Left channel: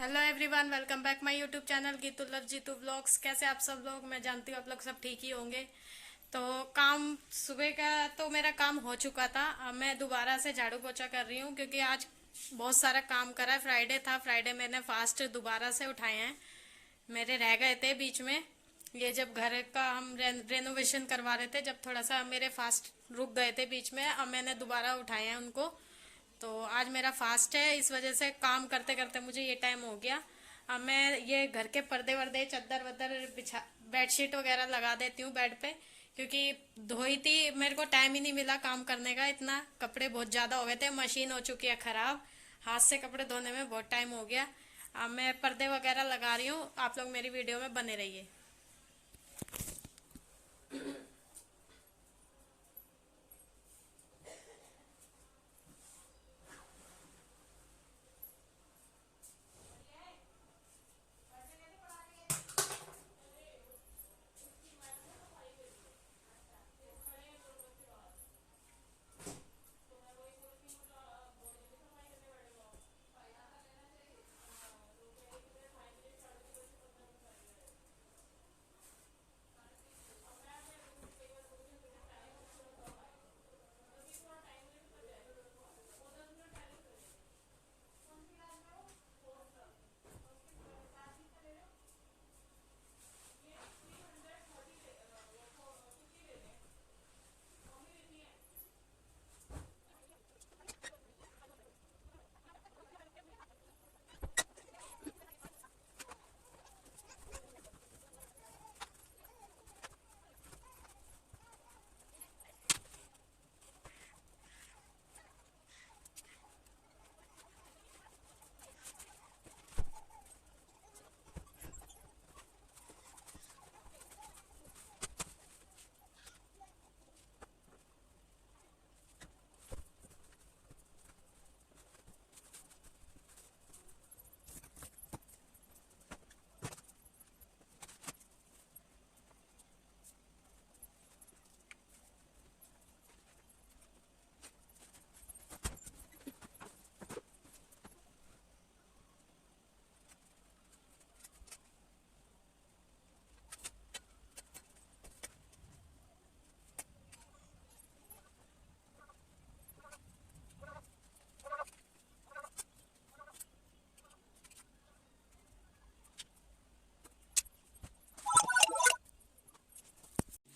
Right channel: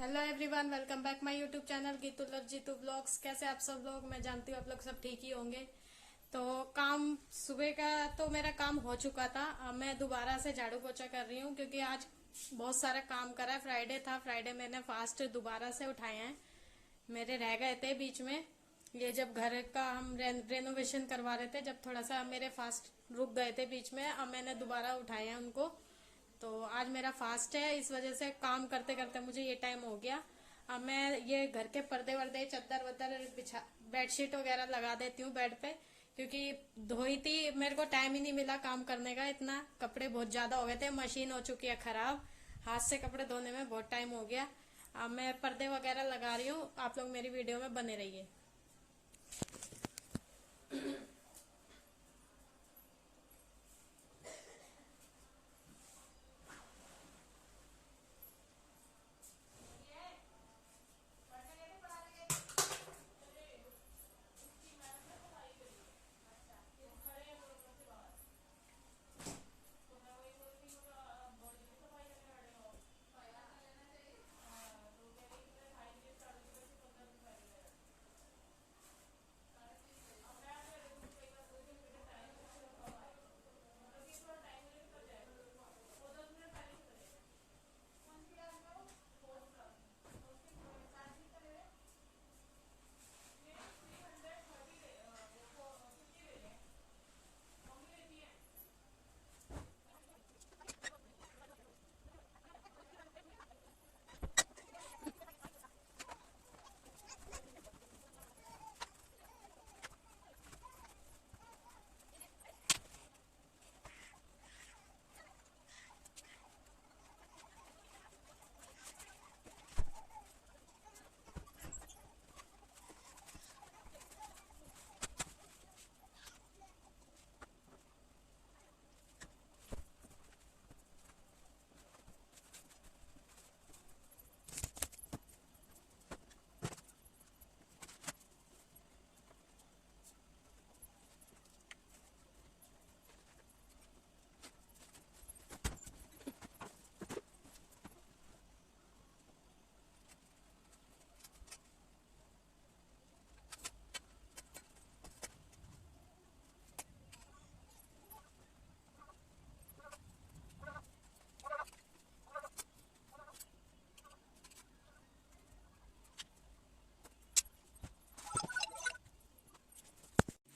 Hello everyone, welcome back my YouTube channel Geetu love Jeetu vlogs. कैसे आप सब लोग? मैं जानती हूँ आप लोग सब ठीक ही होंगे। तो काम सुबह का तो मेरा काम हो चुका था। अब मैं दोबारा से झाड़ू पोछा कर रही हूँ क्योंकि आज बहुत सारा काम करा है। फ्राइडे था, फ्राइडे मैंने फास्ट दोबारा से उठाए हैं। मेरे रह गए थे बीच में। ये जब घर का हम रेनोवेशन करवा रहे थे, जब थोड़ा सा मेरे फास्ट रुक गए थे बीच में, अब मैंने दोबारा उठाए हैं उनको। तो आज मेरा फास्ट है, इस वजह से काम करते करते मुझे ये टाइम हो गया। अब मैं ये घर के पर्दे वर्दे चादर वदर बिछा बेडशीट वगैरह लगा देती हूँ बेड पे, क्योंकि धोई थी, मेरे को टाइम ही नहीं मिला काम करने का। इतना कपड़े बहुत ज़्यादा हो गए थे, मशीन हो चुकी है ख़राब। हाथ से कपड़े धोने में बहुत टाइम हो गया। अब मैं पर्दे वगैरह लगा रही हूँ, आप लोग मेरी वीडियो में बने रहिए।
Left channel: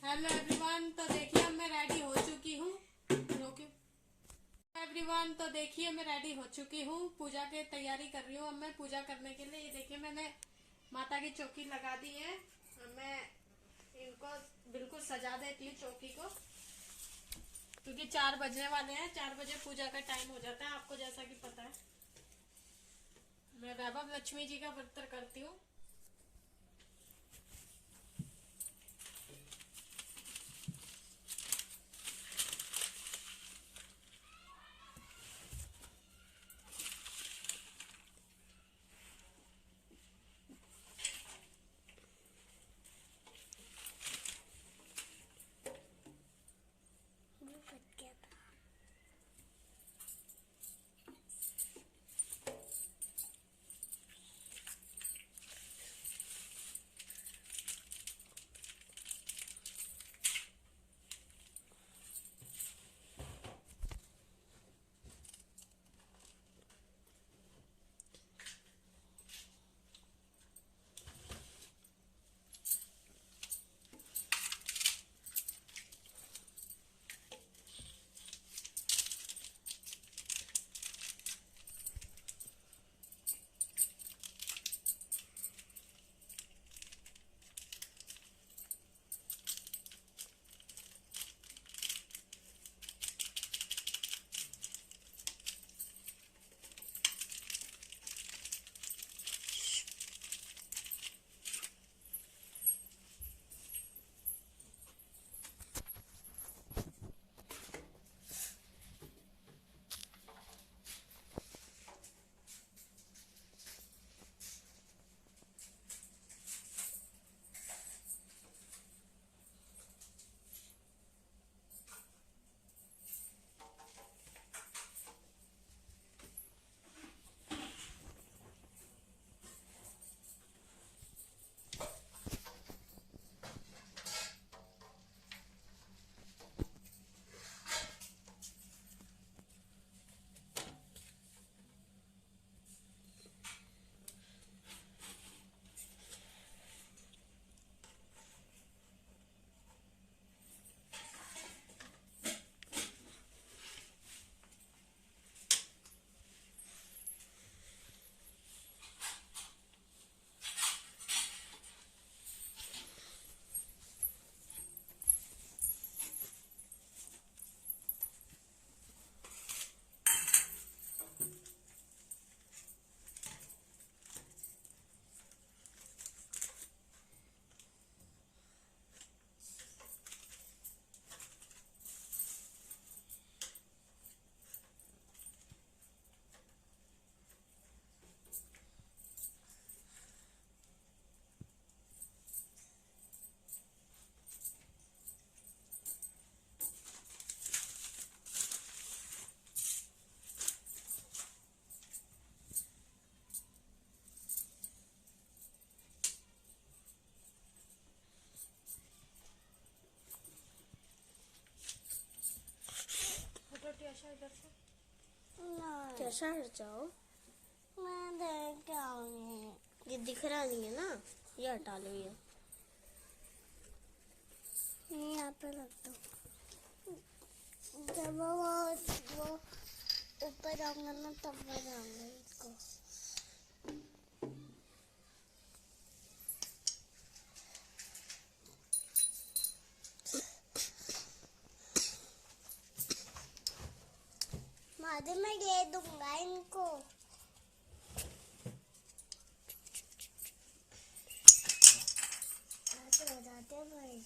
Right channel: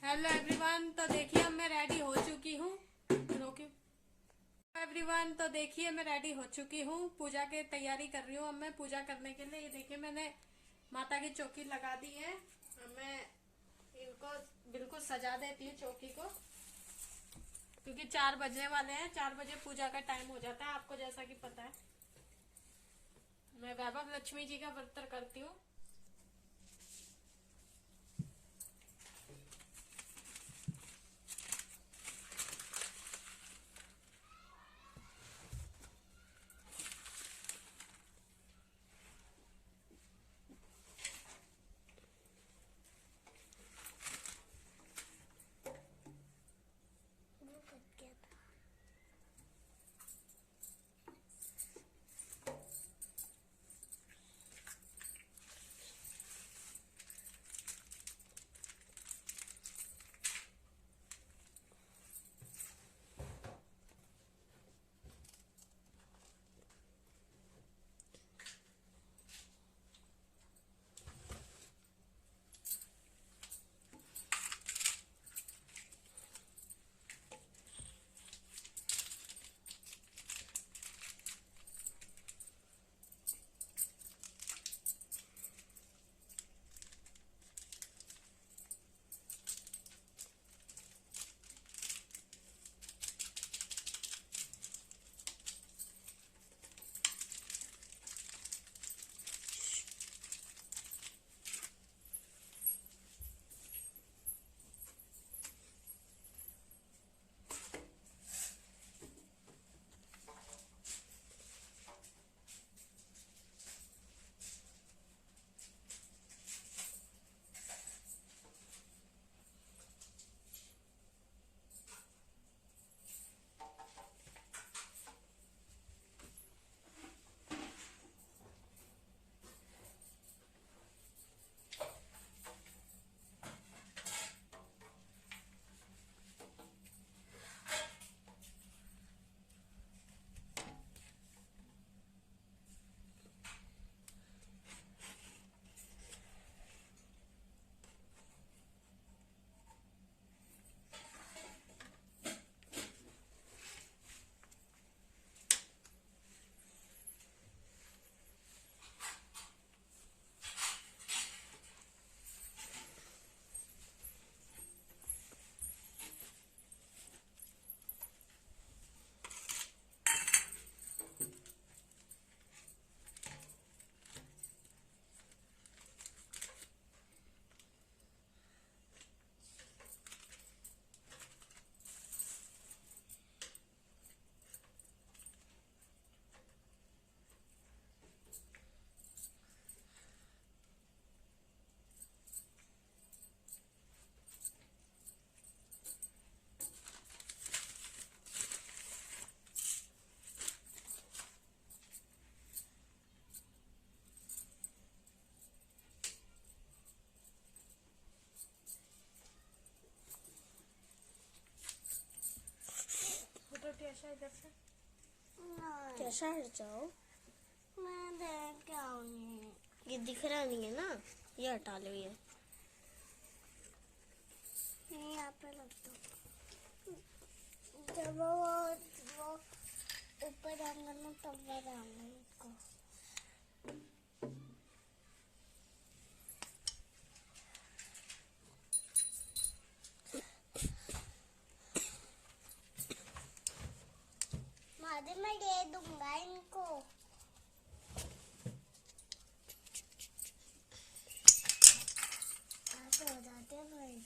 हेलो एवरीवन, तो देखिए अब मैं रेडी हो चुकी हूँ। रोके एवरीवन, तो देखिए मैं रेडी हो चुकी हूँ, पूजा की तैयारी कर रही हूँ। अब मैं पूजा करने के लिए, ये देखिए मैंने माता की चौकी लगा दी है। अब मैं इनको बिल्कुल सजा देती हूँ चौकी को, क्योंकि 4 बजने वाले हैं। 4 बजे पूजा का टाइम हो जाता है, आपको जैसा कि पता है। मैं वैभव लक्ष्मी जी का व्रत करती हूँ। इधर से। कैसा हट जाओ, मैं देख के आऊंगी। ये दिख रहा नहीं है ना, ये हटा लो। ये यहाँ पे रखता हूँ। जब वो ऊपर आऊंगा ना तब बनाऊंगा इसको। बाद में दे दूंगा इनको। हो जाते हैं भाई।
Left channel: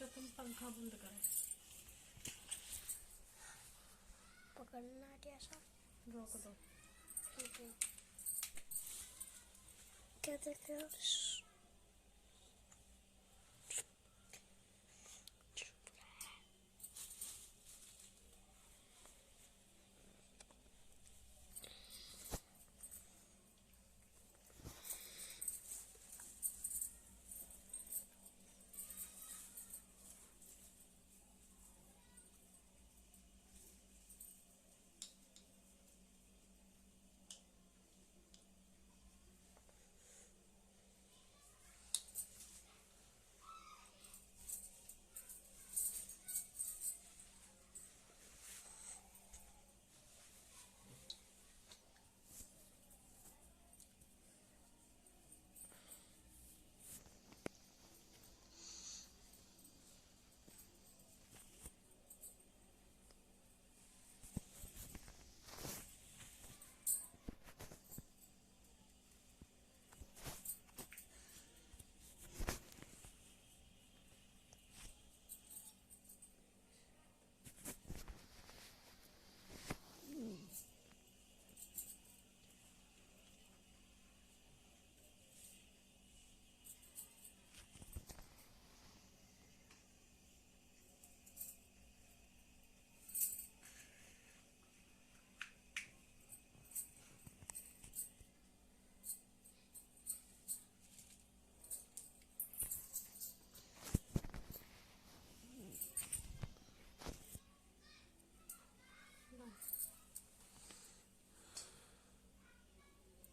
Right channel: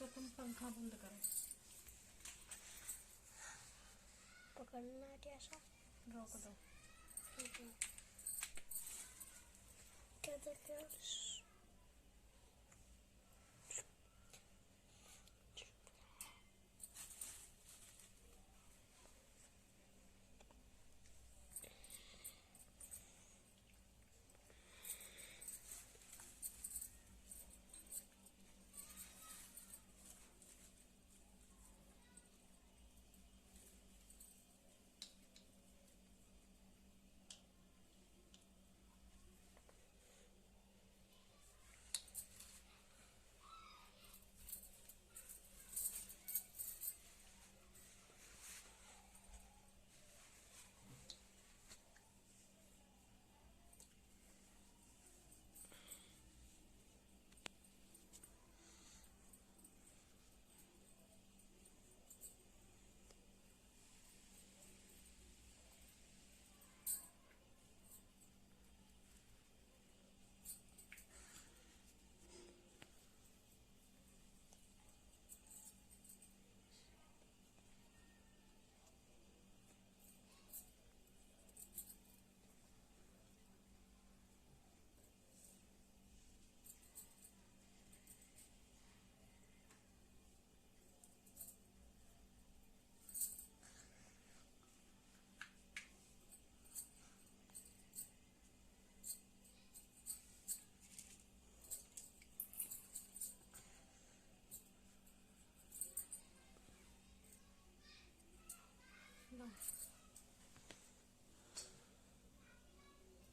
तो तुम पंखा बंद करो। पकड़ना कैसा, रोक दो। क्या देखते हो?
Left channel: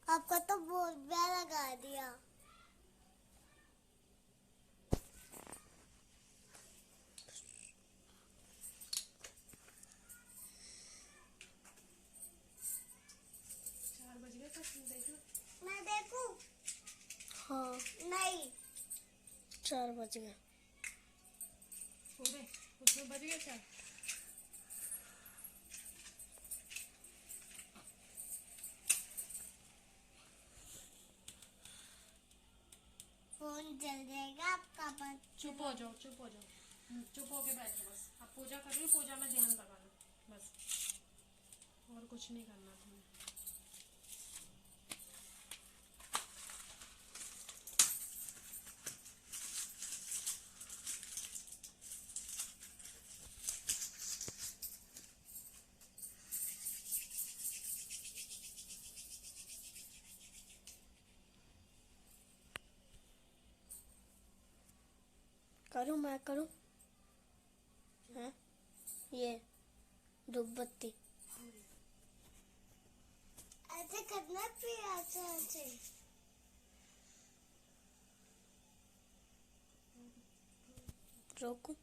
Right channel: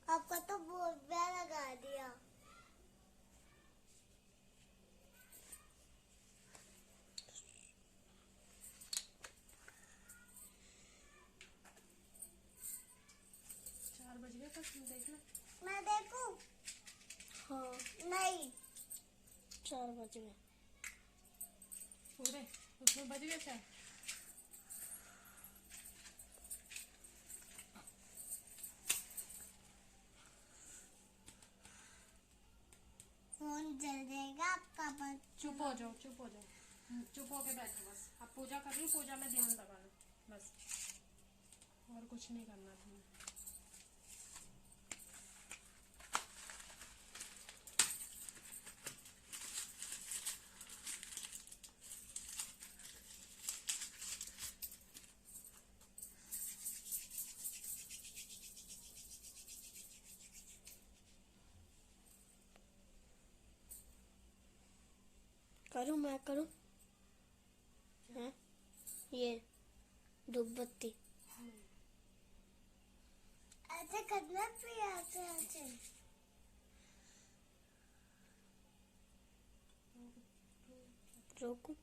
आपका तो बहुत प्यारा लगा दिया। बज गए तो तुम देखना। मैं देखूं? हाँ, नहीं। 4 बज गए पूरे उसमें बज गए 4। फोन जल जाएगा आपका। बस चुप हो जाओ, चुप हो जाओ, चुप होके बैठो बस। आप पूजा कर रही हो, पूजा में ध्यान लगा लो बस, और कुछ नहीं करना तुम्हें। करूँ, मैं करूँ? हैं? ये धूप बत्ती ऐसे करना फिर ऐसे ऐसे। रोकूं?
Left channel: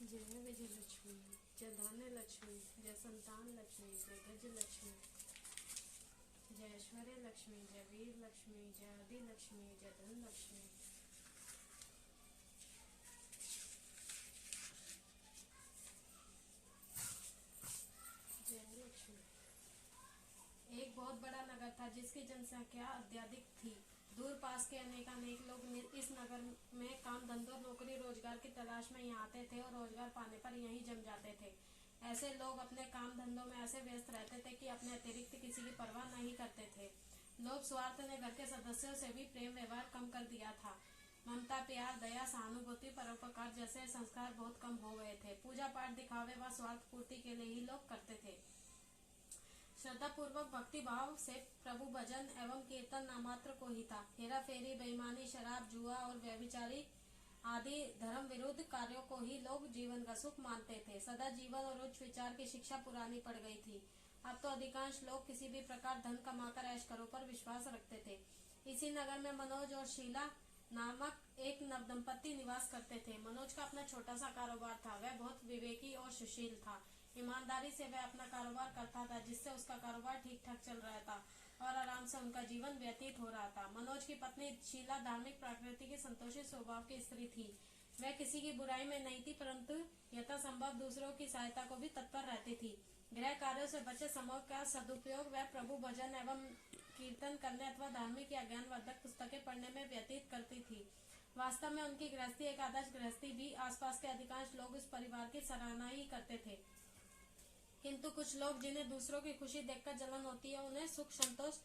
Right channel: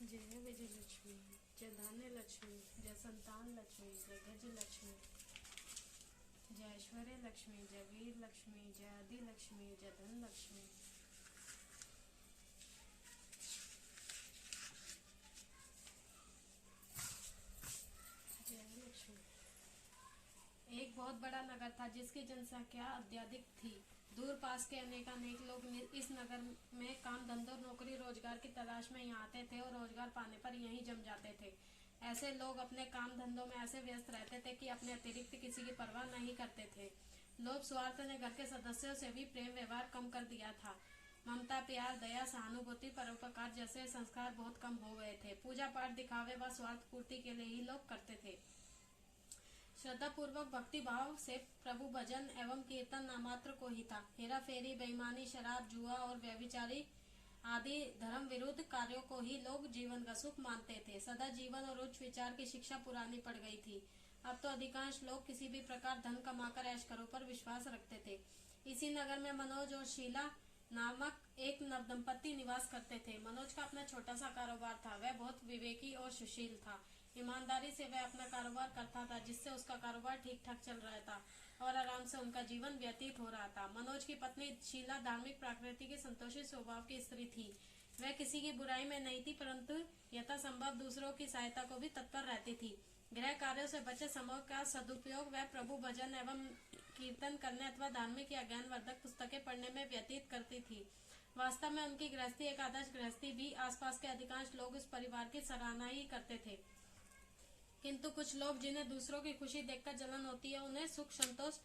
जय हो विजय लक्ष्मी, जय धान्य लक्ष्मी, जय संतान लक्ष्मी, जय गज लक्ष्मी, जय ऐश्वर्य लक्ष्मी, जय वीर लक्ष्मी, जय आदि लक्ष्मी, जय धन लक्ष्मी। जय लक्ष्मी। एक बहुत बड़ा नगर था जिसकी जनसंख्या अत्यधिक थी। दूर पास के अनेक लोग इस नगर में काम धंधों नौकरी रोजगार की तलाश में यहाँ आते थे और रोजगार पाने पर यहीं जम जाते थे। ऐसे लोग अपने काम धंधों में ऐसे व्यस्त रहते थे कि अपने अतिरिक्त किसी की परवाह नहीं करते थे। लोभ स्वार्थ ने घर के सदस्यों से भी प्रेम व्यवहार कम कर दिया था। ममता, प्यार, दया, सहानुभूति, परोपकार जैसे संस्कार बहुत कम हो गए थे। पूजा पाठ दिखावे व स्वार्थ पूर्ति के लिए ही लोग करते थे। श्रद्धा पूर्वक भक्ति भाव से प्रभु भजन एवं कीर्तन नामात्र को ही था। हेरा फेरी, बेईमानी, शराब, जुआ और व्यभिचारी आदि धर्म विरुद्ध कार्यों को ही लोग जीवन का सुख मानते थे। सदा जीवन और उच्च विचार की शिक्षा पुरानी पड़ गई थी। अब तो अधिकांश लोग किसी भी प्रकार धन कमाकर ऐश करो पर विश्वास रखते थे। इसी नगर में मनोज और शीला नामक एक नवदंपति निवास करते थे। मनोज का अपना छोटा सा कारोबार था। वह बहुत विवेकी और सुशील था। ईमानदारी से वह अपना कारोबार करता था, जिससे उसका कारोबार ठीक ठाक चल रहा था और आराम से उनका जीवन व्यतीत हो रहा था। मनोज की पत्नी शीला धार्मिक प्रकृति की संतोषी स्वभाव की स्त्री थी। वह किसी की बुराई में नहीं थी, परंतु यथासंभव दूसरों की सहायता को भी तत्पर रहती थी। गृह कार्यों से बचे समय का सदुपयोग वह प्रभु भजन एवं कीर्तन करने अथवा धार्मिक या ज्ञानवर्धक पुस्तकें पढ़ने में व्यतीत करती थी। वास्तव में उनकी गृहस्थी एक आदर्श गृहस्थी भी। आसपास के अधिकांश लोग इस परिवार की सराहना ही करते थे, किंतु कुछ लोग जिन्हें दूसरों की खुशी देखकर जलन होती है, उन्हें सुख संतोष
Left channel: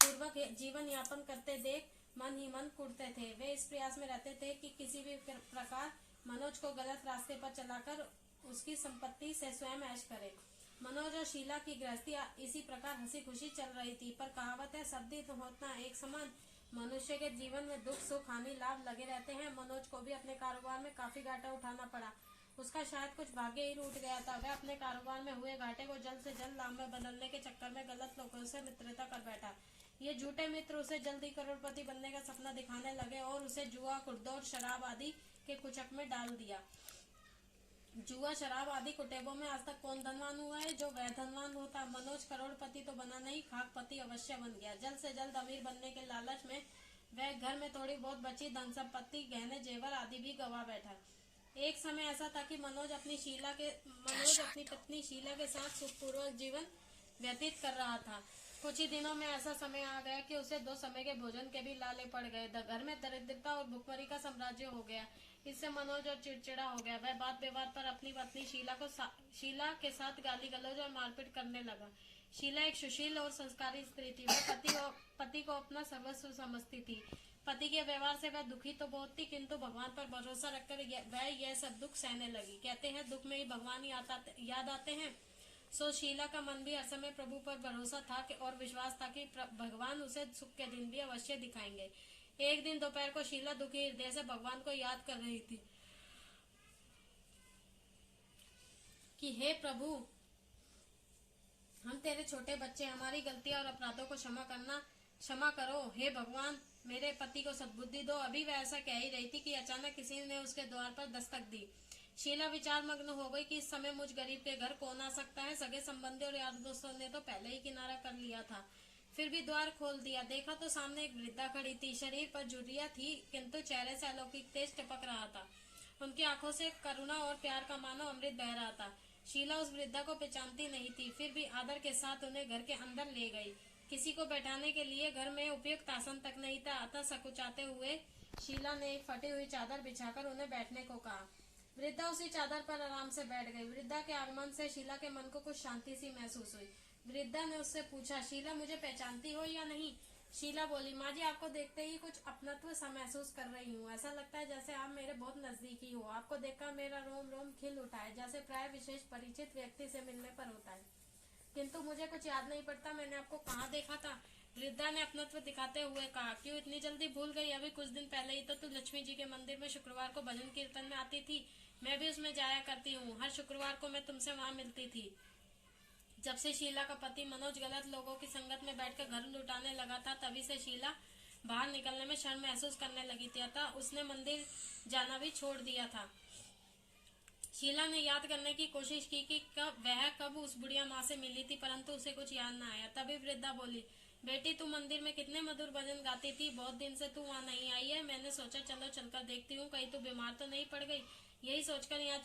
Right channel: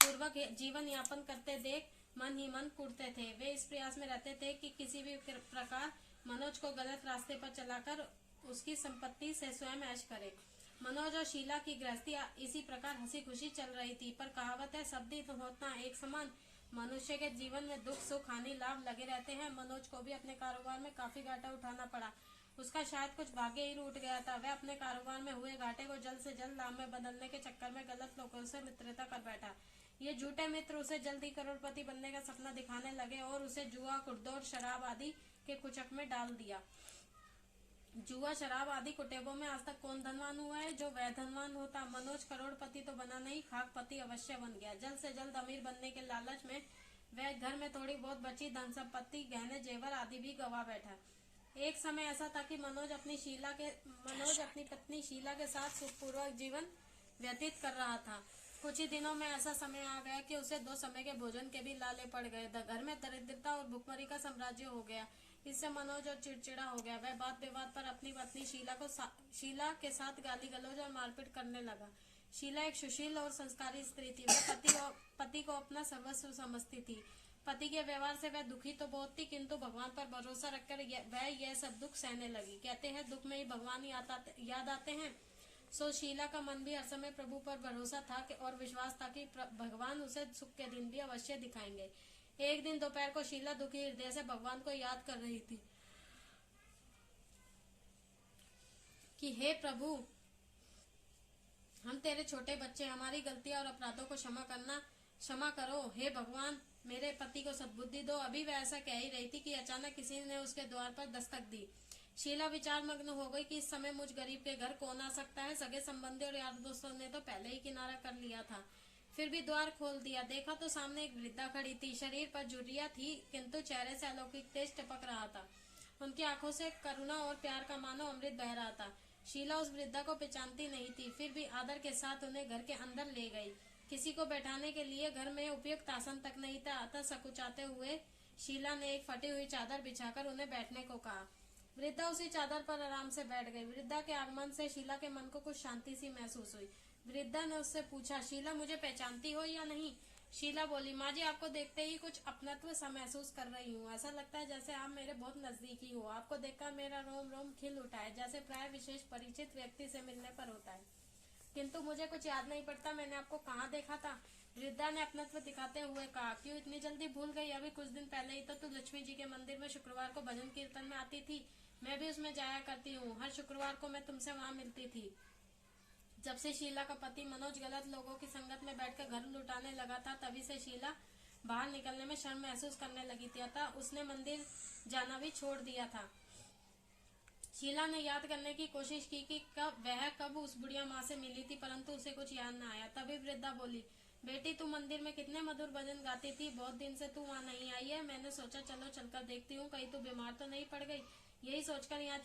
पूर्वक जीवन यापन करते देख मन ही मन कुढ़ते थे। वे इस प्रयास में रहते थे कि किसी भी प्रकार मनोज को गलत रास्ते पर चलाकर उसकी संपत्ति से स्वयं ऐश करे। मनोज और शीला की गृहस्थी इसी प्रकार हंसी खुशी चल रही थी, पर कहावत है, सब दिन होता एक समान। मनुष्य के जीवन में दुख सुख हानि लाभ लगे रहते हैं। मनोज को भी अपने कारोबार में काफी घाटा उठाना पड़ा। उसका शायद कुछ भाग्य ही रूठ गया था। वह अपने कारोबार में हुए घाटे को जल्द से जल्द लाभ में बदलने के चक्कर में गलत लोगों से मित्रता कर बैठा। ये झूठे मित्र उसे जल्द ही करोड़पति बनने का सपना दिखाने लगे और उसे जुआ, कुर्दौर, शराब आदि के कुचक में डाल दिया। जुआ, शराब आदि कुटेबों में आज तक कौन धनवान हुआ है जो वह धनवान होता। मनोज करोड़पति तो बना नहीं, खाकपति अवश्य बन गया। जल्द से जल्द अमीर बनने के लालच में वह घर में थोड़ी बहुत बची धन संपत्ति, गहने जेवर आदि भी गवा बैठा। एक समय ऐसा था कि मनोज अपनी पत्नी शीला के साथ सुखपूर्वक जीवन व्यतीत कर रहा था। कुछ ही दिनों में ऐसा समय आ गया कि उसे 2 समय के भोजन के भी लाले पड़ गए। घर में दरिद्रता और भुखमरी का साम्राज्य हो गया। इससे मनोज और चिड़चिड़ा हो गया। वह बात व्यवहार पर अपनी पत्नी शीला के साथ गाली गलौज और मारपीट करने लगा। शीला एक सुशील और संस्कारी स्त्री थी। वह पति को अपना सर्वस्व समझती थी। पति के व्यवहार से वह दुखी तो बहुत थी, किंतु भगवान पर भरोसा रखकर वह यह सब दुख सहने लगी। कहते हैं दुख में ही भगवान याद आते हैं। सो शीला का मन भी हर समय प्रभु पर भरोसा था और विश्वास था कि भगवान उसे सुख के दिन भी अवश्य दिखाएंगे। एक दिन दोपहर को शीला दुखी हृदय से भगवान को याद कर रही थी कि हे प्रभु, हम तेरे छोटे बच्चे, हमारी गलतियां और अपराधों को क्षमा करो। हे भगवान, मेरे पति को सद्बुद्धि दो। अभी वह ऐसा कह ही रही थी कि अचानक किसी ने उसके द्वार पर दस्तक दी। शीला विचार मग्न हो गई कि इस समय मुझ गरीब के घर कौन आ सकता है। सगे संबंधी और यार दोस्तों ने तो पहले ही किनारा कर लिया था। फिर भी द्वार खोल दिया। देखा तो सामने एक वृद्धा खड़ी थी। शरीर पर झुर्रियां थी, किंतु चेहरे से अलौकिक तेज टपक रहा था। उनकी आंखों से करुणा और प्यार का मानो अमृत बह रहा था। शीला उस वृद्धा को पहचानती नहीं थी, फिर भी आदर के साथ उन्हें घर के अंदर ले गई। किसी को बैठाने के लिए घर में उपयुक्त आसन तक नहीं था, अतः सकुचाते हुए शीला ने एक फटी हुई चादर बिछाकर उन्हें बैठने को कहा। वृद्धा उसी चादर पर आराम से बैठ गई। वृद्धा के आगमन से शीला के मन को कुछ शांति सी महसूस हुई। वृद्धा ने उससे पूछा, शीला मुझे पहचानती हो या नहीं? शीला बोली, माँ जी आपको देखते ही कुछ अपनत्व सा महसूस कर रही हूँ। ऐसा लगता है जैसे आप मेरे बहुत नजदीकी हो। आपको देखकर मेरा रोम रोम खिल उठा है, जैसे प्राय विशेष परिचित व्यक्ति से मिलने पर होता है। किंतु मुझे कुछ याद नहीं पड़ता मैंने आपको कहाँ देखा था। वृद्धा ने अपनत्व दिखाते हुए कहा, क्यों इतनी जल्दी भूल गई? अभी कुछ दिन पहले ही तो तू लक्ष्मी जी के मंदिर में शुक्रवार को भजन कीर्तन में आती थी। मैं भी उसमें जाया करती हूँ। हर शुक्रवार को मैं तुमसे वहाँ मिलती थी। जब से शीला का पति मनोज गलत लोगों की संगत में बैठकर घर लुटाने लगा था, तभी से शीला बाहर निकलने में शर्म महसूस करने लगी थी, अतः उसने मंदिर जाना भी छोड़ दिया था। शीला ने याद करने की कोशिश की कि वह कब उस बुढ़िया माँ से मिली थी, परंतु उसे कुछ याद न आया। तभी वृद्धा बोली, बेटी तू मंदिर में कितने मधुर भजन गाती थी। बहुत दिन से तू वहाँ नहीं आई है। मैंने सोचा चलो चलकर देखती हूँ, कहीं तू बीमार तो नहीं पड़ गई। यही सोचकर यहाँ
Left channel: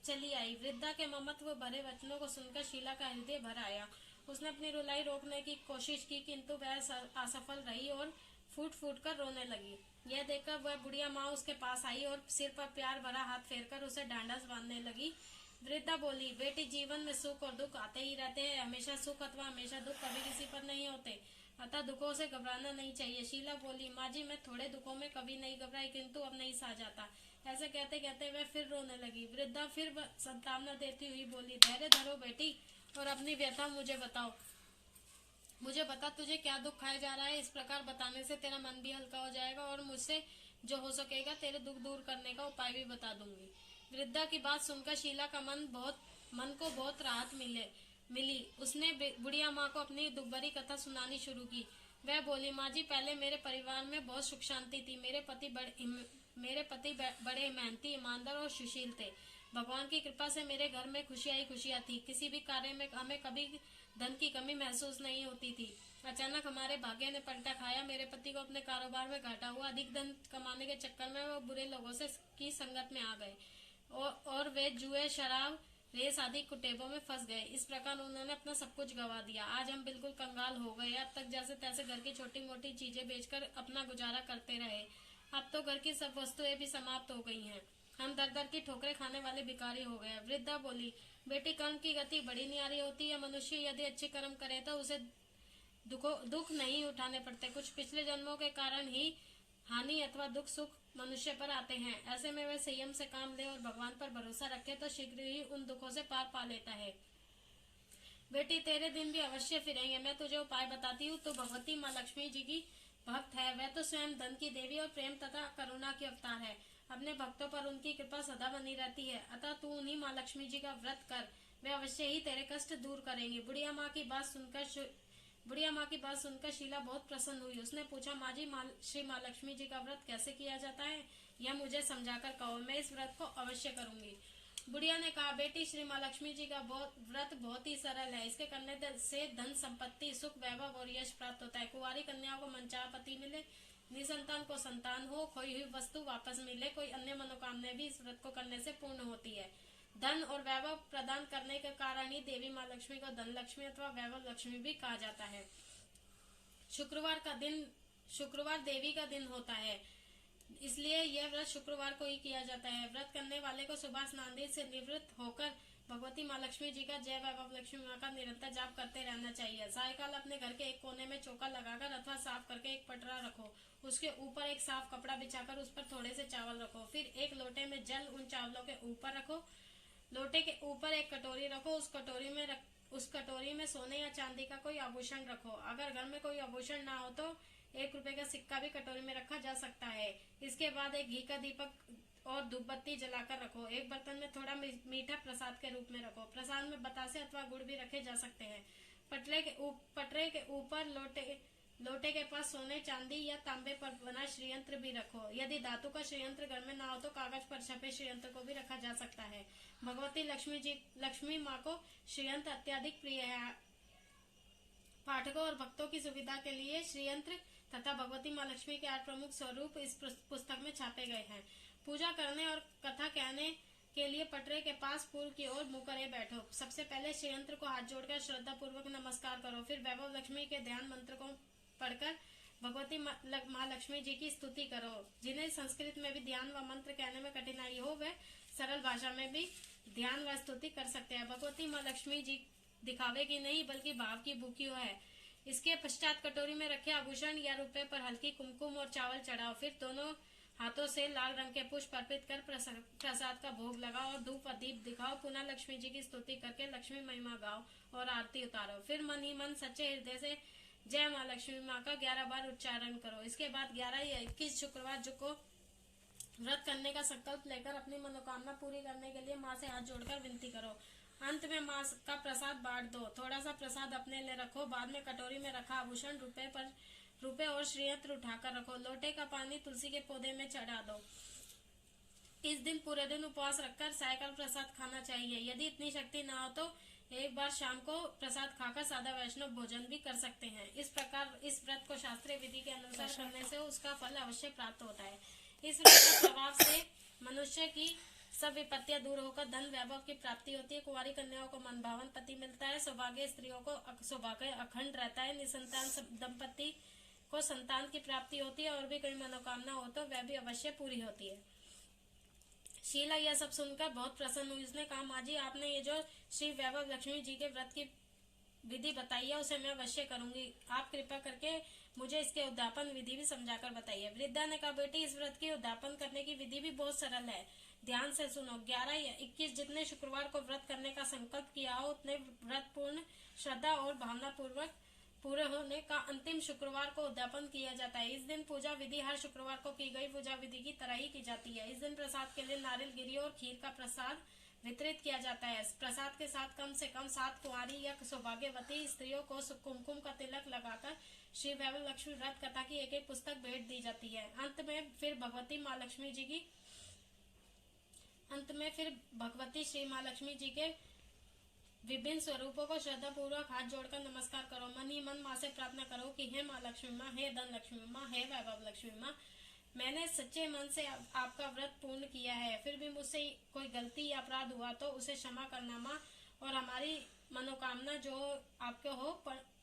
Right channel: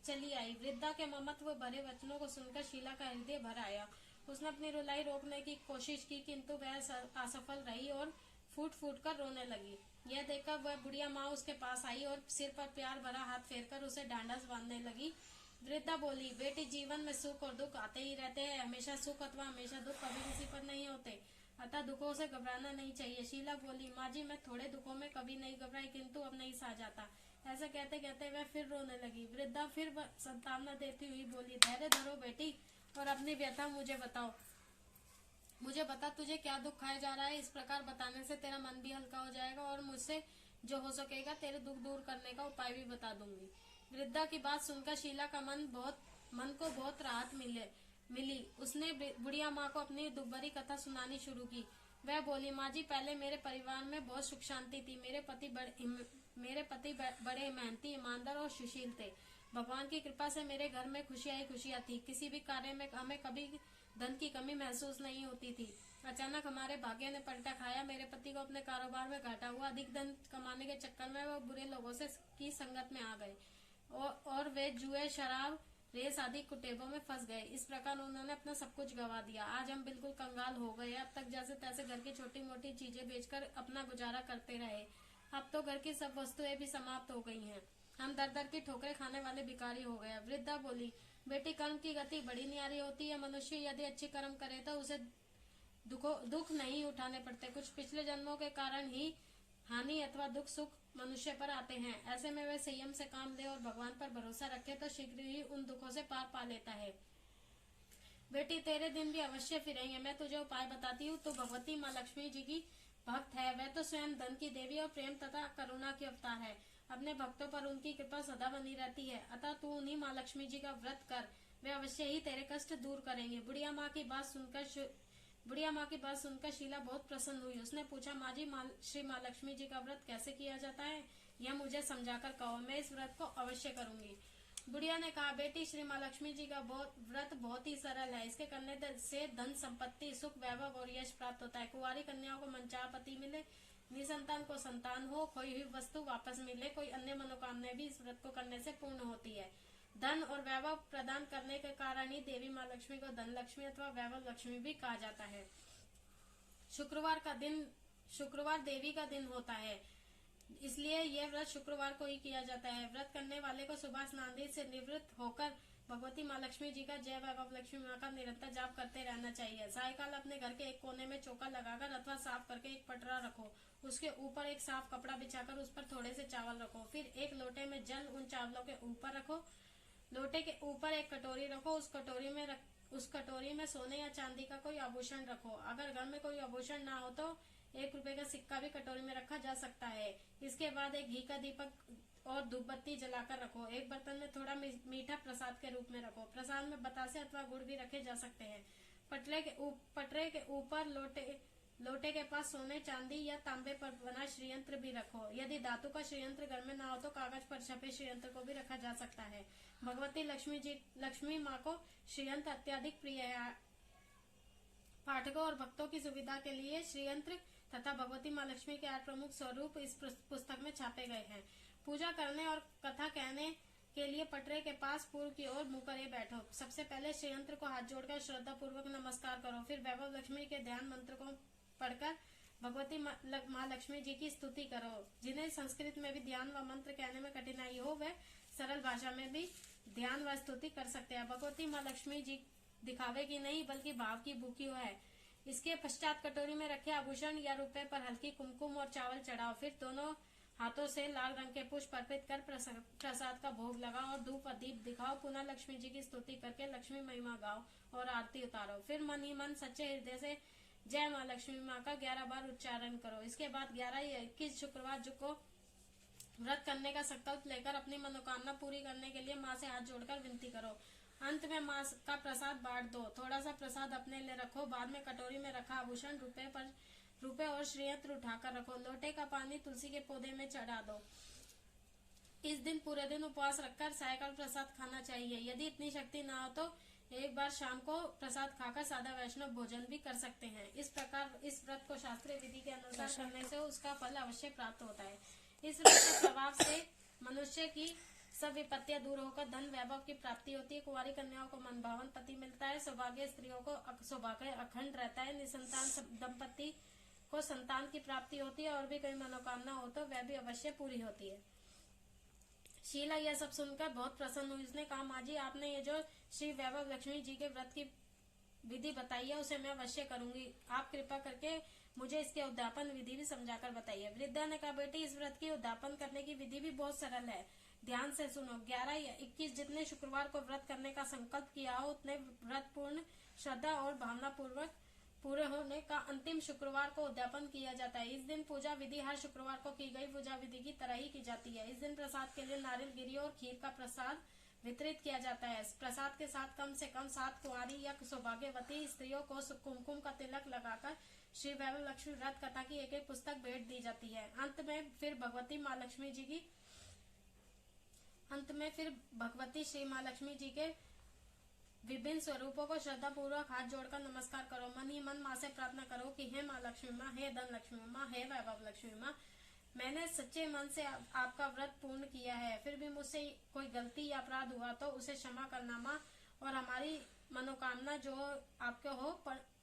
चली आई। वृद्धा के ममत्व भरे वचनों को सुनकर शीला का हृदय भर आया। उसने अपनी रुलाई रोकने की कोशिश की, किंतु वह असफल रही और फूट फूट कर रोने लगी। यह देखकर वह बुढ़िया माँ उसके पास आई और सिर पर प्यार भरा हाथ फेरकर उसे ढांढस बांधने लगी। वृद्धा बोली, बेटी जीवन में सुख और दुख आते ही रहते हैं। हमेशा सुख अथवा हमेशा दुख कभी किसी पर नहीं होते, अतः दुखों से घबराना नहीं चाहिए। शीला बोली, माँ जी मैं थोड़े दुखों में कभी नहीं घबराई, किंतु अब नहीं सहा जाता। ऐसा कहते कहते वह फिर रोने लगी। वृद्धा फिर सांत्वना देती हुई बोली, धैर्य धरो बेटी और अपनी व्यथा मुझे बताओ। मुझे बता तुझे क्या दुख खाया जा रहा है। इस प्रकार बताने से तेरा मन भी हल्का हो जाएगा और मुझसे जो हो सकेगा तेरे दुख दूर करने का उपाय भी बता दूंगी। वृद्धा की बात सुनकर शीला का मन को बहुत राहत मिली। उसने बुढ़िया माँ को अपनी दुखभरी कथा सुनानी शुरू की। वह बोली, माँ जी पहले मेरे परिवार में बहुत सुख शांति थी। मेरे पति बड़े मेहनती, ईमानदार और सुशील थे। भगवान की कृपा से मेरे घर में खुशियां ही खुशियां थी। किसी भी कार्य में हमें कभी धन की कमी महसूस नहीं होती थी। अचानक हमारे भाग्य ने पलटा खाया। मेरे पति को अपने कारोबार में घाटा हुआ। अधिक धन कमाने के चक्कर में वो बुरे लोगों की संगत में आ गए और वे जुए, शराब, रेस आदि कुटेबों में फंस गए। इस प्रकार उन्होंने अपना सब कुछ गवा दिया। आज हम बिल्कुल कंगाल हो गए। अब तक जैसे तैसे घर की छोटी मोटी चीजें बेचकर अपना गुजारा करते रहे। अब तो घर की सब वस्तुएं भी समाप्त हो गई हैं। हम दर दर की ठोकरें खाने वाले भिखारी हो गए। वृद्धा बोली, बेटी कर्म की गति बड़ी न्यारी होती है। मनुष्य यदि अच्छे कर्म करे तो उसे दुख नहीं उठाने पड़ते। कुछ पिछले जन्मों के कारण ही हानि अथवा दुख सुख मनुष्य पर आते हैं। ऐसे में वे संयम से काम ले और भगवान पर भरोसा रखे तो शीघ्र ही उन दुखों से पार पा लेता है। बेटी तेरे दिन भी अवश्य फिरेंगे। मैं तुझे उपाय बताती हूँ। तो भगवती माँ लक्ष्मी जी की भक्त है। वह तो स्वयं धन की देवी और प्रेम तथा करुणा की अवतार है। अपने भक्तों पर उनकी कृपा सदा बनी रहती है। अतः तू उन्हीं माँ लक्ष्मी जी का व्रत कर, वे अवश्य ही तेरे कष्ट दूर करेंगे। बुढ़िया माँ की बात सुनकर शीला बहुत प्रसन्न हुई। उसने पूछा, माँ जी श्री माँ लक्ष्मी जी का व्रत कैसे किया जाता है, यह मुझे समझाकर कहो। मैं इस व्रत को अवश्य करूंगी। बुढ़िया ने कहा, बेटी श्री माँ लक्ष्मी जी का व्रत बहुत ही सरल है। इसके करने से धन संपत्ति, सुख, वैभव और यश प्राप्त होता है। कुंवारी कन्याओं को मनचाहा पति मिले, निसंतान को संतान हो, खोई हुई वस्तु वापस मिले, कोई अन्य मनोकामना भी इस व्रत को करने से पूर्ण होती है। धन और वैभव प्रदान करने के कारण ही देवी माँ लक्ष्मी को धन लक्ष्मी अथवा वैभव लक्ष्मी भी कहा जाता है। शुक्रवार देवी का दिन होता है, इसलिए यह व्रत शुक्रवार को ही किया जाता है। व्रत करने वाले को सुबह स्नान से निवृत्त होकर भगवती माँ लक्ष्मी जी का जय वैभव लक्ष्मी माँ का निरंतर जाप करते रहना चाहिए। सायकाल अपने घर के एक कोने में चौका लगाकर अथवा साफ करके एक पटरा रखो। उसके ऊपर एक साफ कपड़ा बिछाकर उस पर थोड़े से चावल रखो। फिर एक लोटे में जल उन चावलों के ऊपर रखो। लोटे के ऊपर एक कटोरी रखो। उस कटोरी में सोने या चांदी का कोई आभूषण रखो। अगर घर में कोई आभूषण ना हो तो 1 रुपए का सिक्का भी कटोरी में रखा जा सकता है। इसके बाद एक घी का दीपक और धूप बत्ती जलाकर रखो। एक बर्तन में थोड़ा मीठा प्रसाद के रूप में रखो। प्रसाद में बतासे अथवा गुड़ भी रखे जा सकते हैं। पटरे के ऊपर लोटे के पास सोने, चांदी या तांबे पर बना श्रीयंत्र भी रखो। यदि धातु का श्रीयंत्र घर में ना हो तो कागज पर छपे श्रीयंत्र को भी रखा जा सकता है। भगवती लक्ष्मी माँ को श्रीयंत्र अत्यधिक प्रिय है। पाठकों और भक्तों की सुविधा के लिए श्रीयंत्र तथा भगवती माँ लक्ष्मी के 8 प्रमुख स्वरूप इस पुस्तक में छापे गए हैं। पूजा करने और कथा कहने के लिए पटरे के पास पूर्व की ओर मुंह करे बैठो। सबसे पहले श्रीयंत्र को हाथ जोड़कर श्रद्धा पूर्वक नमस्कार करो। फिर वैभव लक्ष्मी के ध्यान मंत्र को पढ़कर भगवती माँ लक्ष्मी जी की स्तुति करो। जिन्हें संस्कृत में भी ध्यान व मंत्र कहने में कठिनाई हो वह सरल भाषा में भी ध्यान व स्तुति कर सकते हैं। भगवती माँ लक्ष्मी जी दिखावे की नहीं बल्कि भाव की भूखी है। इसके पश्चात कटोरी में रखे आभूषण या रुपए पर हल्की कुमकुम और चावल चढ़ाओ। फिर दोनों हाथों से लाल रंग के पुष्प अर्पित कर प्रसाद का भोग लगाओ और धूप व दीप दिखाओ। पुनः लक्ष्मी जी की स्तुति करके लक्ष्मी महिमा गाओ और आरती उतारो। फिर मन ही मन सच्चे हृदय से जय माँ लक्ष्मी माँ का 11 बार उच्चारण करो। इसके बाद 11 या 21 शुक्रवार को व्रत करने का संकल्प लेकर अपनी मनोकामना पूरी करने के लिए माँ से हाथ जोड़कर विनती करो। अंत में माँ का प्रसाद बांट दो। थोड़ा सा प्रसाद अपने लिए रखो। बाद में कटोरी में रखा आभूषण रुपए और श्रीयंत्र उठाकर रखो। लोटे का पानी तुलसी के पौधे में चढ़ा दो। इस दिन पूरे दिन उपवास रखकर सायकाल प्रसाद खाना चाहिए। यदि इतनी शक्ति ना हो तो एक बार शाम को प्रसाद खाकर सादा वैष्णव भोजन भी कर सकते हैं। इस प्रकार इस व्रत को शास्त्रीय विधि के अनुसार करने से उसका फल अवश्य प्राप्त होता है। इस व्रत के प्रभाव से मनुष्य की सब विपत्तियां दूर होकर धन वैभव की प्राप्ति होती है। कुंवारी कन्याओं को मनभावन पति मिलता है। सौभाग्य स्त्रियों को सौभाग्य अखंड रहता है। निसंतान दंपति को संतान की प्राप्ति होती है और भी कोई मनोकामना हो तो वह भी अवश्य पूरी होती है। शीला यह सब सुनकर बहुत प्रसन्न हुई। उसने कहा, माँ जी आपने ये जो श्री वैभव लक्ष्मी जी के व्रत की विधि बताई है उसे मैं अवश्य करूंगी। आप कृपा करके मुझे इसके उद्यापन विधि भी समझाकर बताइए। वृद्धा ने कहा, बेटी इस व्रत की उद्यापन करने की विधि भी बहुत सरल है। ध्यान से सुनो। 11 या 21 जितने शुक्रवार को व्रत करने का संकल्प किया हो उतने व्रत पूर्ण श्रद्धा और भावना पूर्वक पूरे होने का अंतिम शुक्रवार को उद्यापन किया जाता है। इस दिन पूजा विधि हर शुक्रवार को की गई पूजा विधि की तरह ही की जाती है। इस दिन प्रसाद के लिए नारियल गिरी और खीर का प्रसाद वितरित किया जाता है। प्रसाद के साथ कम से कम 7 कुंवारी या सौभाग्यवती स्त्रियों को कुमकुम का तिलक लगाकर श्री वैभव लक्ष्मी व्रत कथा की एक पुस्तक भेंट दी जाती है। अंत में फिर भगवती श्री माँ लक्ष्मी जी के विभिन्न स्वरूपों को श्रद्धा पूर्वक हाथ जोड़कर नमस्कार करो। मन ही मन माँ से प्रार्थना करो कि हे माँ लक्ष्मी माँ, हे धन लक्ष्मी माँ, हे वैभव लक्ष्मी माँ, मैंने सच्चे मन से आपका व्रत पूर्ण किया है। फिर भी मुझसे कोई गलती या अपराध हुआ तो उसे क्षमा करना माँ, और हमारी मनोकामना जो आपके हो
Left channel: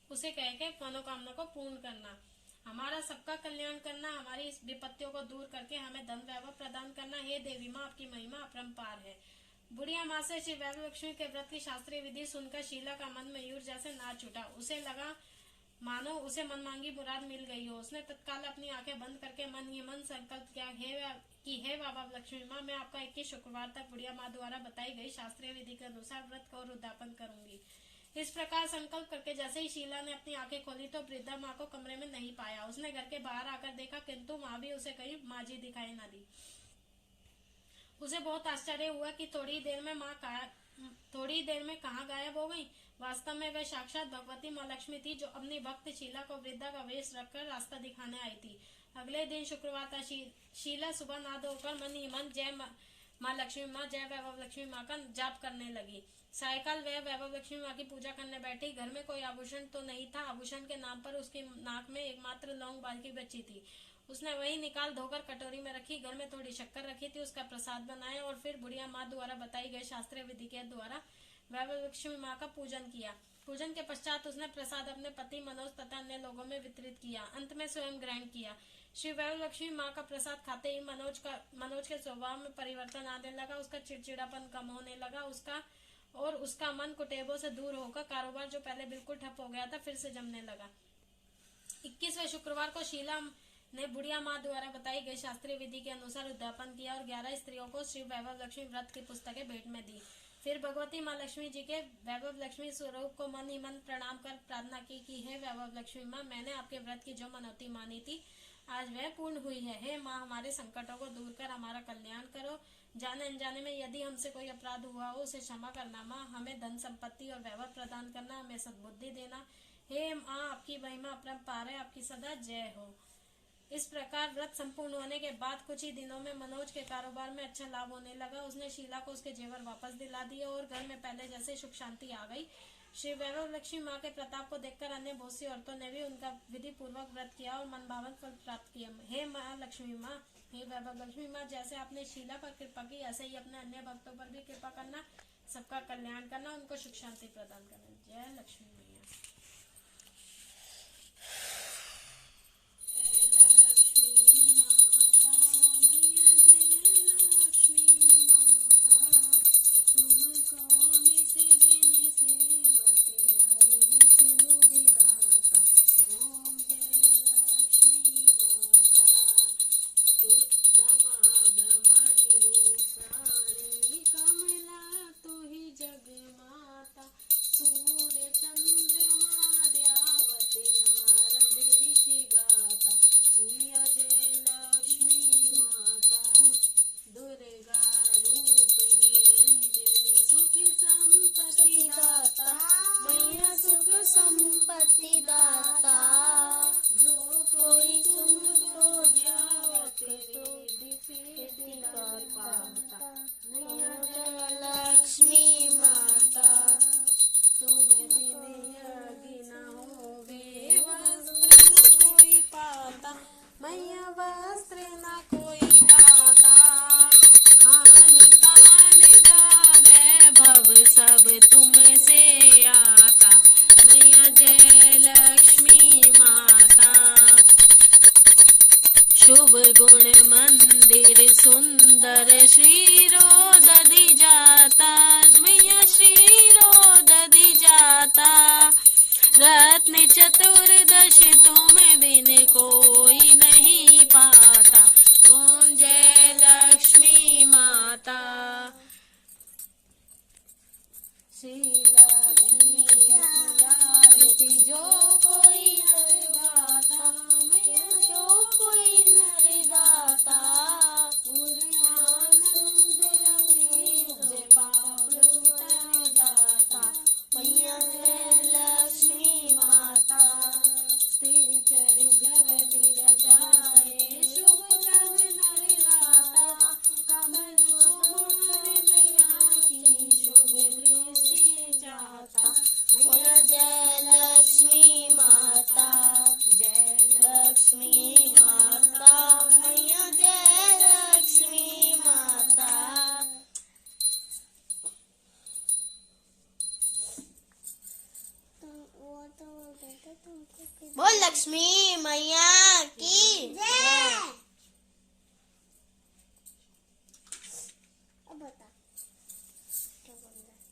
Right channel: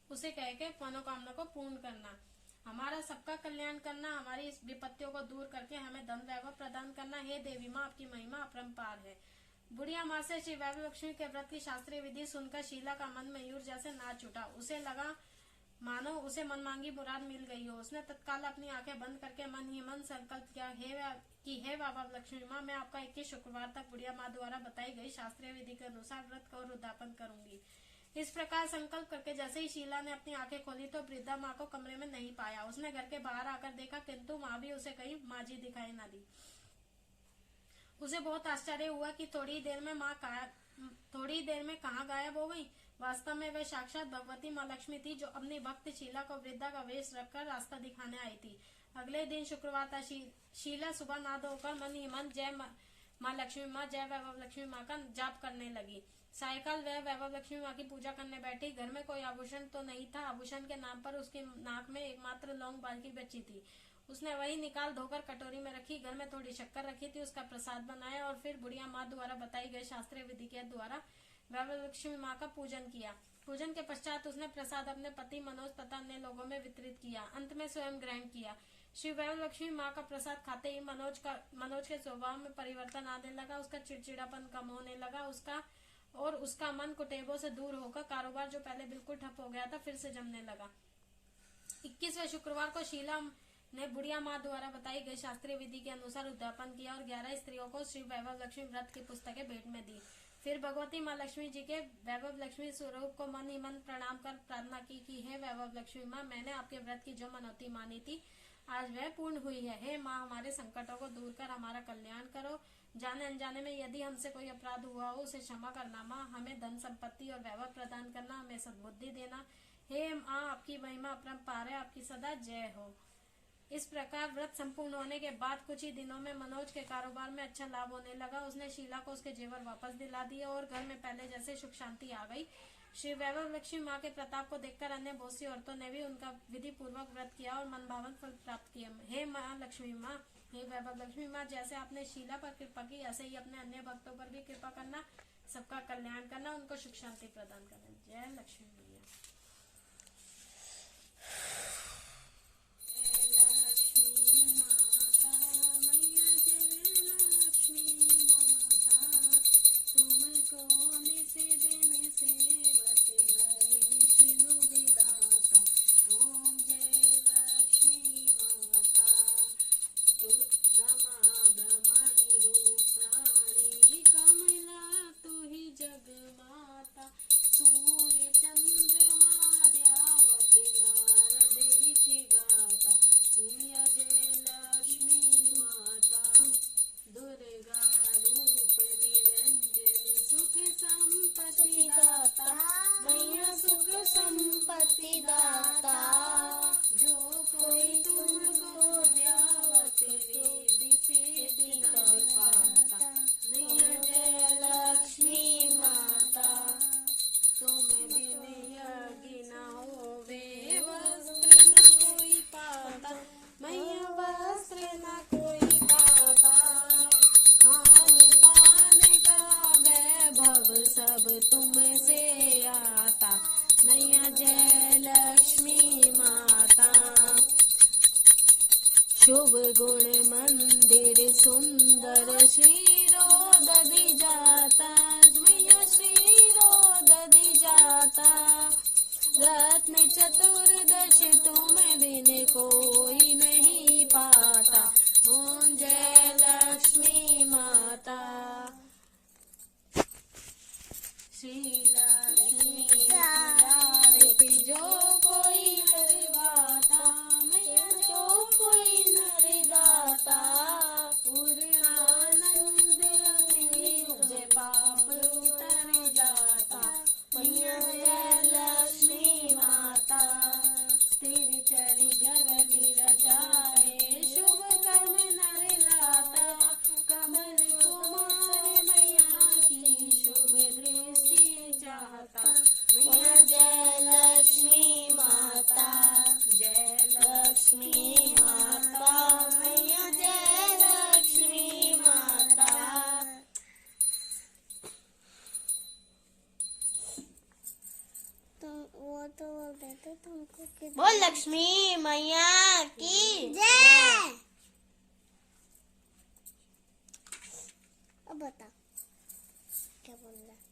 उसे कह के मनोकामना को पूर्ण करना। हमारा सबका कल्याण करना, हमारी इस विपत्तियों को दूर करके हमें धन वैभव प्रदान करना। हे देवी माँ, आपकी महिमा अपरंपार है। बुढ़िया माँ से श्री वैभव लक्ष्मी के व्रत की शास्त्रीय विधि सुनकर शीला का मन मयूर जैसे नाच उठा। उसे लगा मानो उसे मनमांगी मुराद मिल गई हो। उसने तत्काल अपनी आंखें बंद करके मन ही मन संकल्प किया हे वैभव लक्ष्मी माँ, मैं आपका 21 शुक्रवार तक बुढ़िया माँ द्वारा बताई गई शास्त्रीय विधि के अनुसार व्रत का और उद्यापन करूंगी। इस प्रकार संकल्प करके जैसे ही शीला ने अपनी आंखें खोली तो वृद्धा माँ को कमरे में नहीं पाया। उसने घर के बाहर आकर देखा, किंतु माँ भी उसे कहीं माँ जी दिखाई न दी। उसे बहुत आश्चर्य हुआ कि थोड़ी देर में कहाँ गायब हो गई। वास्तव में वह साक्षात भगवती माँ लक्ष्मी थी जो अपनी भक्त शीला को वृद्धा का वेश रखकर रास्ता दिखाने आई थी। अगले दिन शुक्रवार था। शीला सुबह नहा धोकर मन ही मन जय माँ लक्ष्मी माँ, जय वैभव लक्ष्मी माँ का जाप करने लगी। सायकाल वह वैभव लक्ष्मी माँ की पूजा करने बैठी। घर में कोई आभूषण तो नहीं था। आभूषण के नाम पर उसकी नाक में एकमात्र लौंग बाल्टी बची थी। उसने वही निकाल धोकर कटोरी में रखी। घर में थोड़ी शक्कर रखी थी, उसका प्रसाद बनाया और फिर बुढ़िया माँ द्वारा बताई गई शास्त्रीय विधि के द्वारा वैभव लक्ष्मी माँ का पूजन किया। पूजन के पश्चात उसने प्रसाद अपने पति मनोज तथा अन्य लोगों में वितरित किया। अंत में स्वयं ग्रहण किया। श्री वैभव लक्ष्मी माँ का प्रसाद खाते ही मनोज के स्वभाव में परिवर्तन आने लगा। उसका चिड़चिड़ापन कम होने लगा। उसका मन कुटेबों से दूर होकर कारोबार जो पहले बिल्कुल ठप हो गया था फिर से जमने लगा। 21वें शुक्रवार को शीला ने बुढ़िया माँ द्वारा बताई गई शास्त्रीय विधि के अनुसार उद्यापन किया और 11 स्त्रियों को श्री वैभव लक्ष्मी व्रत की पुस्तकें भेंट में दी। फिर भगवती माँ लक्ष्मी जी के वैभव लक्ष्मी स्वरूप को मन ही मन प्रणाम कर प्रार्थना की कि हे वैभव लक्ष्मी माँ, मैंने आपके व्रत की जो मनौती मानी थी आज वह पूर्ण हुई है। हे माँ, हमारे संकटों को दूर कर हमारा कल्याण करो। जाने अनजाने में यदि हमसे कोई अपराध हुआ हो उसे क्षमा करना माँ। हमें धन संपत्ति और वैभव प्रदान करना, हमें सद्बुद्धि देना। हे माँ, आपकी महिमा अपरंपार है, आपकी सदा जय हो। इस प्रकार व्रत संपूर्ण होने के बाद कुछ ही दिनों में मनोज के कारोबार में अच्छा लाभ होने लगा। उसने शीला को उसके जेवर वापस दिला दिए और घर में पहले जैसे सुख शांति आ गई। श्री वैभव लक्ष्मी माँ के प्रताप को देखकर अन्य बहुत सी औरतों ने भी उनका विधि पूर्वक व्रत किया और मनभावन फल प्राप्त किया। हे माँ लक्ष्मी माँ, हे वैभव लक्ष्मी माँ, जैसे आपने शीला पर कृपा की ऐसे ही अपने अन्य भक्तों पर भी कृपा करना, सबका कल्याण करना, उनको सुख शांति प्रदान करना। जय लक्ष्मी मैया। जय लक्ष्मी माता मैया, जय लक्ष्मी माता, तुमको नित दिन सेवत हरे विष्णु विधाता। ओम जय लक्ष्मी माता, तू रमा ब्रह्मणि रूपाणि, कमला तू ही जग माता, सूर्य चंद्रमा द्यावत नारद ऋषि गाता। मैया जय लक्ष्मी माता, दुर्गा रूप निरंजनी, सुख संपत्ति दाता, मैया सुख संपत्ति दाता, जो कोई तुमको ध्यावत रिद्धि सिद्धि कर पाता। मैया जय लक्ष्मी माता, तुम्हें बिन यज्ञ न होवे वस्त्र न कोई पाता। मैया वस्त्र न कोई पाता, खान पान का वैभव सब तुमसे आता। मैया जय लक्ष्मी माता, शुभ गुण मंदिर सुंदर श्रीरो दधि जाता। मैया श्रीरो दधि जाता, रत्न चतुर्दश तुम बिन कोई नहीं पाता। ओम जय लक्ष्मी माता। श्री लक्ष्मी आरती जो कोई नर गाता, मैया जो कोई नर दाता, पूर्ण आनंद उपजे पाप उतर जाता। मैया जय लक्ष्मी माता, स्थिर चर जगत रचाए, शुभ कर्म नर लाता। कमल कुमार मैया की शुभ दृष्टि जाता। मैया जय लक्ष्मी माता, जय लक्ष्मी माता, मैया जय लक्ष्मी माता। बोल लक्ष्मी मैया की जय। अब बता क्या बोल रहा है।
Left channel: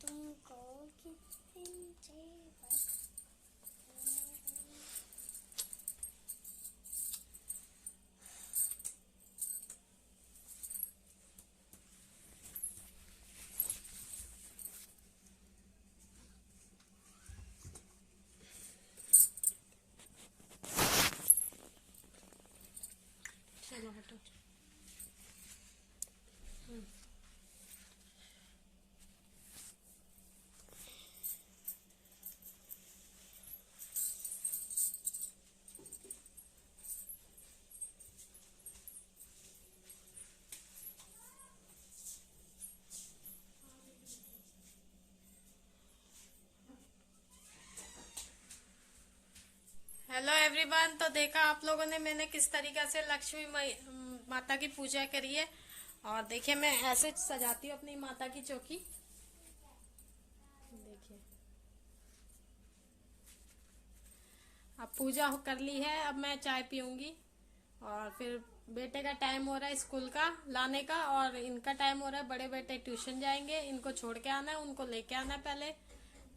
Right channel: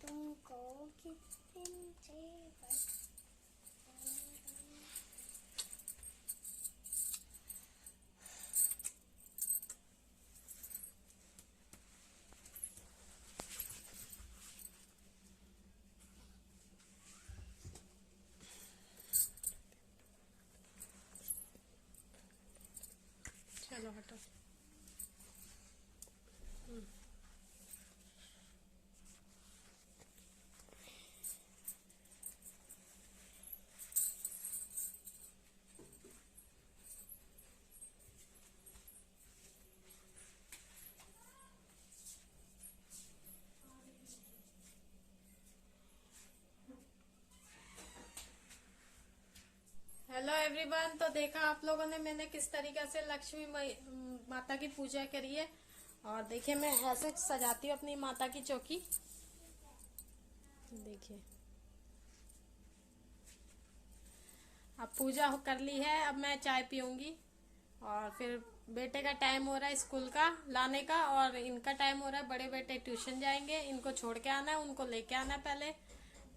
तुमको कितने चाहिए। चलो हटो। हेलो एवरीवन, तो देखा आप लोगों ने मैंने किस तरीके से लक्ष्मी माता की पूजा करी है। और देखिए मैं ऐसे सजाती हूँ अपनी माता की चौकी। देखिए अब पूजा कर ली है, अब मैं चाय पीऊंगी और फिर बेटे का टाइम हो रहा है स्कूल का लाने का, और इनका टाइम हो रहा है, बड़े बेटे ट्यूशन जाएंगे, इनको छोड़ के आना है, उनको लेके आना है पहले।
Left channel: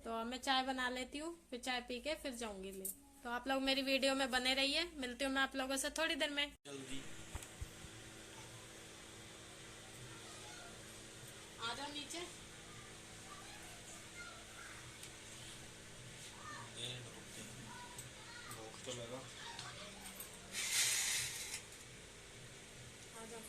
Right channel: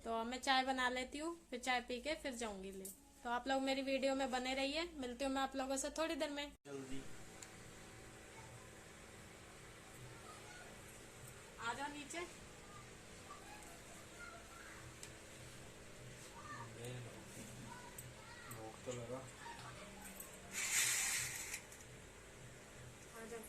तो मैं चाय बना लेती हूँ, फिर चाय पी के फिर जाऊंगी ले। तो आप लोग मेरी वीडियो में बने रहिए, मिलती हूँ मैं आप लोगों से थोड़ी देर में। आ जाओ नीचे। भूख तो लगा। आ जाओ।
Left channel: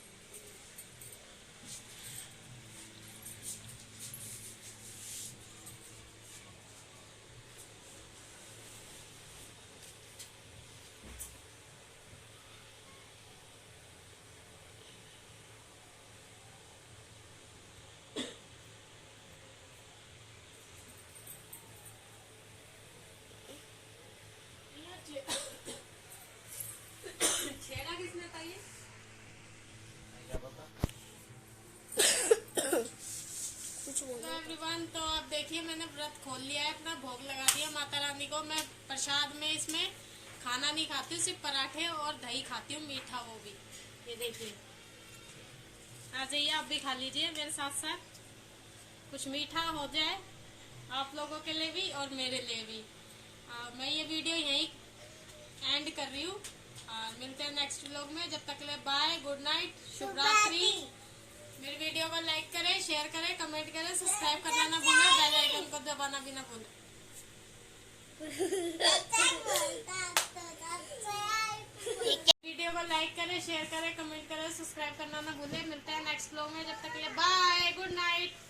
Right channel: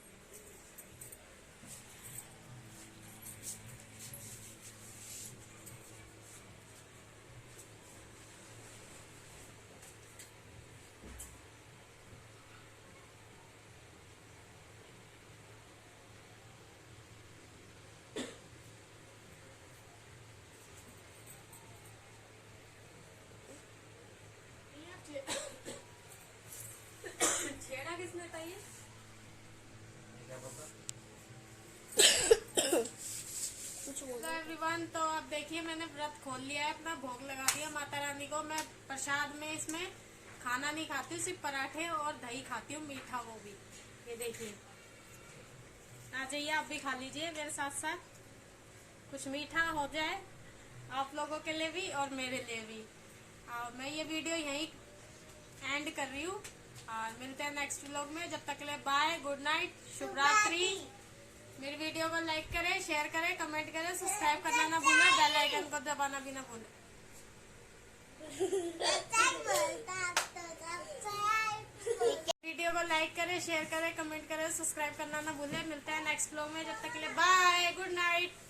एवरीवन। तो अब देखिए मैंने व्रत खोल लिया है अपना, भोग लगा दिया माता रानी को। मैं प्रसाद में इसमें खाना नहीं खाती हूँ, सिर्फ पराठे और दही खाती हूँ, मीठा वो भी। ये देखिए, आ जाइए आप भी खा लीजिए मेरे साथ साथ, कुछ मीठा हो जाए आप लोगों के लिए भी और मेरे लिए भी। मैं ये वीडियो यहीं एंड कर रही हूँ और मिलते हैं नेक्स्ट व्लॉग में। जब तक के लिए बाय, गुड नाइट, शुभ रात्रि। मेरी वीडियो को लाइक करें, शेयर करें, कमेंट करें, सब्सक्राइब करना ना भूलें, बेल आइकन को दबाना भी ना भूलें। वीडियो को लाइक करें, शेयर करें, कमेंट करें, सब्सक्राइब करना ना भूलें। मिलते हैं नेक्स्ट व्लॉग में, जब तक के लिए बाय, गुड नाइट।